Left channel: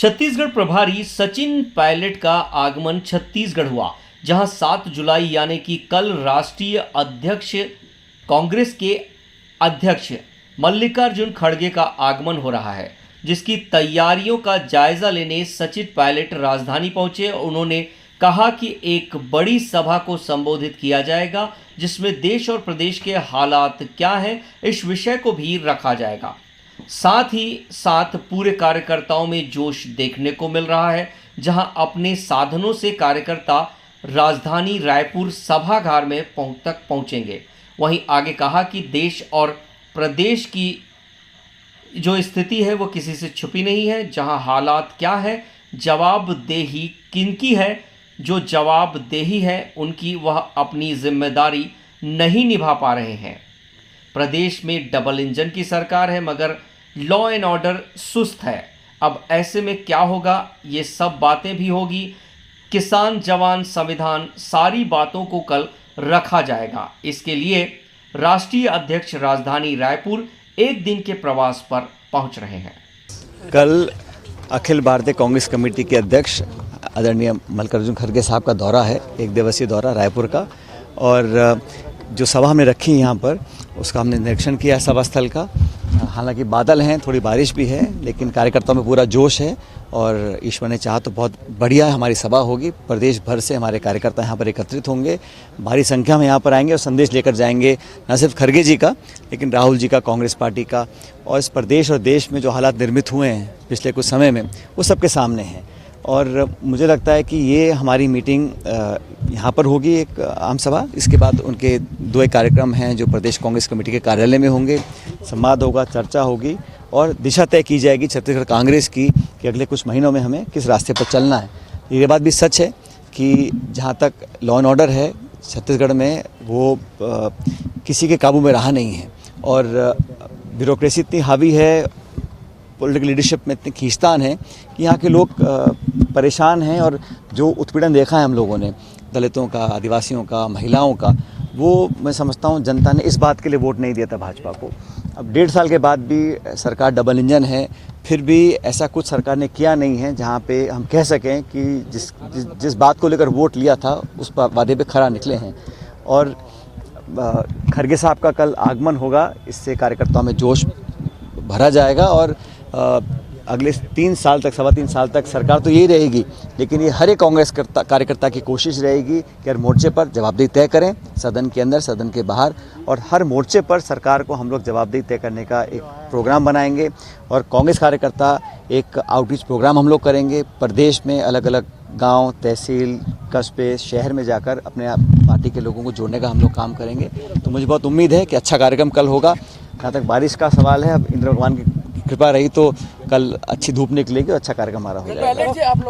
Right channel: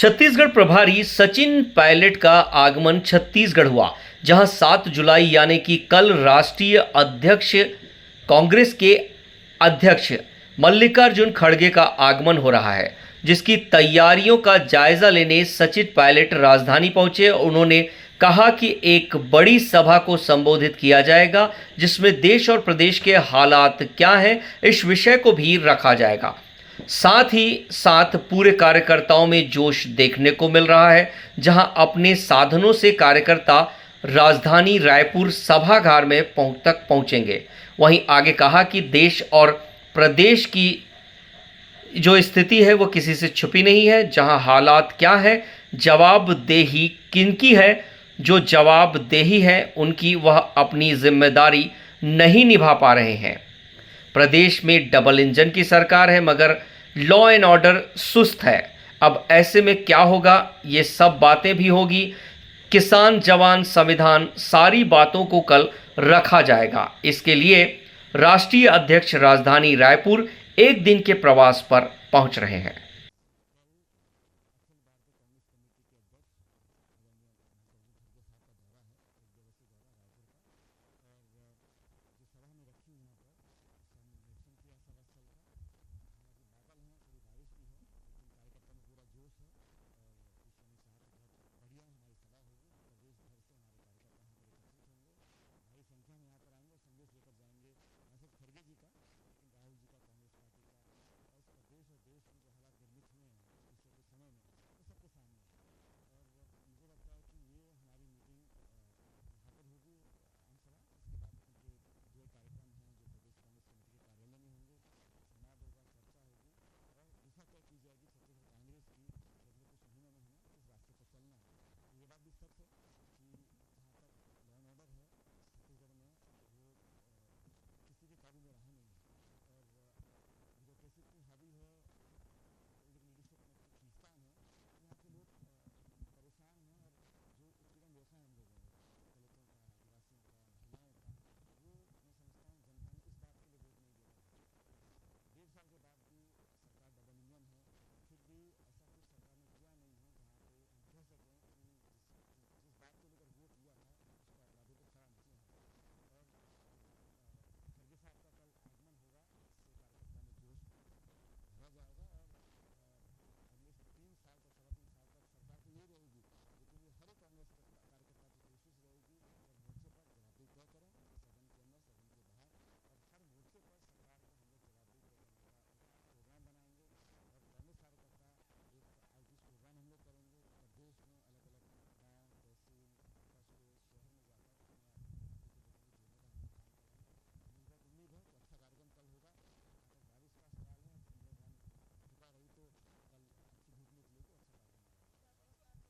छत्तीसगढ़ प्रभारी सचिन पायलट का आगमन छत्तीसगढ़ हुआ, जहां 7 जुलाई यानी कि कल राष्ट्रीय अध्यक्ष कांग्रेस के अध्यक्ष मल्लिकार्जुन खड़गे का आगमन हो रहा है, जिसकी तैयारियों का जायजा लेने सचिन पायलट राजधानी पहुंचे। उन्होंने कहा कि एक बड़ी सभा को संबोधित किया जाएगा, जिसमें देश और प्रदेश के हालात क्या हैं इस विषय को भी रखा जाएगा। साथ ही साथ पूरे कार्यकर्ताओं में जोश देखने को मिल रहा है, जहां अपने साधनों से कार्यकर्ता राजधानी रायपुर सभागार में तक पहुंचेंगे। वहीं आगे कहा कि देश और प्रदेश की जो स्थिति है वो किसी से छुपी नहीं है। जहां हालात क्या है, जवाबदेही किनकी है, जो जवाबदेही है उनकी, वह अपनी जिम्मेदारी नहीं निभा पा रहे हैं। प्रदेश में डबल इंजन की सरकार है, मगर लॉ एंड ऑर्डर सुस्त है। अब ऐसे में क्या होगा, ये सब बातें भी होगी। किसान, जवान, संविधान, सारी बातों को कल रखा जाएगा। इसके लिए राष्ट्रीय अध्यक्ष राजधानी रायपुर एक दिन के प्रवास पर पहुंच रहे हैं। कल अखिल भारतीय कांग्रेस कमेटी के अध्यक्ष आदरणीय मल्लिकार्जुन खड़गे साहब का दौरा है, एक दिवसीय दौरा रायपुर का। और जो सभा हमने रखी यहाँ पर, उसका हमने निरीक्षण किया सभा स्थल का। हालांकि बादल हैं, थोड़ी बारिश भी है, लेकिन कार्यकर्ताओं में पूरा जोश है और ईश्वर ने चाहा तो बहुत बढ़िया हमारी सभा होगी। प्रदेश भर से हमारे कार्यकर्ता यहाँ पर एकत्रित होंगे, भारी संख्या में यहाँ पर आएंगे और संदेश लेकर जाएंगे, न सिर्फ खड़गे जी का, लेकिन राहुल जी का, कांग्रेस पार्टी का। और इस प्रदेश और देश में जो हालात निर्मित हुए हैं पिछले कुछ समय में, वो सबके सामने हैं। और मुझे लगता है कि ये हमारी मीटिंग यहाँ पर होगी, एक आम सभा। इसके बाद उनके 2 एक कार्यक्रम हैं जो प्रदेश कांग्रेस कमेटी के कार्यालय में होंगे। संवाद होगा, चर्चा होगी और दिशा तय की जाएगी छत्तीसगढ़ कांग्रेस की कि अगले कुछ महीनों में हमें किस रास्ते पर चलना है। ये बात भी सच है कि जहाँ तक लॉ एंड ऑर्डर है छत्तीसगढ़ में, वो किसी के काबू में रहा नहीं है और ब्यूरोक्रेसी इतनी हावी है, पॉलिटिकल लीडरशिप में इतनी खींचतान है कि यहाँ के लोग परेशान हैं। और जो उत्पीड़न देखा है हम लोगों ने, दलितों का, आदिवासियों का, महिलाओं का, वो मैं समझता हूँ जनता ने इस बात के लिए वोट नहीं दिया था भाजपा को। अब 1.5 साल के बाद भी सरकार डबल इंजन है, फिर भी ऐसा कुछ सरकार ने किया नहीं है जहाँ पे हम कह सकें कि जिस बात को लेकर वोट लिया था उस वादे पे खरा निकले हैं। और खड़गे साहब का कल आगमन होगा, इससे कार्यकर्ताओं में जोश भरा जाएगा। और अगले 3 साल तक, 3.25 साल तक सरकार तो यही रहेगी, लेकिन ये हर एक कांग्रेस कार्यकर्ता की कोशिश रहेगी कि हर मोर्चे पर जवाबदेही तय करें, सदन के अंदर, सदन के बाहर। और हर मोर्चे पर सरकार को हम लोग जवाबदेही तय करने का एक प्रोग्राम बनाएंगे। और कांग्रेस कार्यकर्ता एक आउटरीच प्रोग्राम हम लोग करेंगे प्रदेश में, अलग अलग गांव, तहसील, कस्बे, शहर में जाकर अपने पार्टी के लोगों को जोड़ने का हम लोग काम करेंगे। तो मुझे बहुत उम्मीद है कि अच्छा कार्यक्रम कल होगा। जहाँ तक बारिश का सवाल है, अब इंद्र भगवान की कृपा रही तो कल अच्छी धूप निकलेगी और अच्छा कार्यक्रम हमारा हो जाएगा।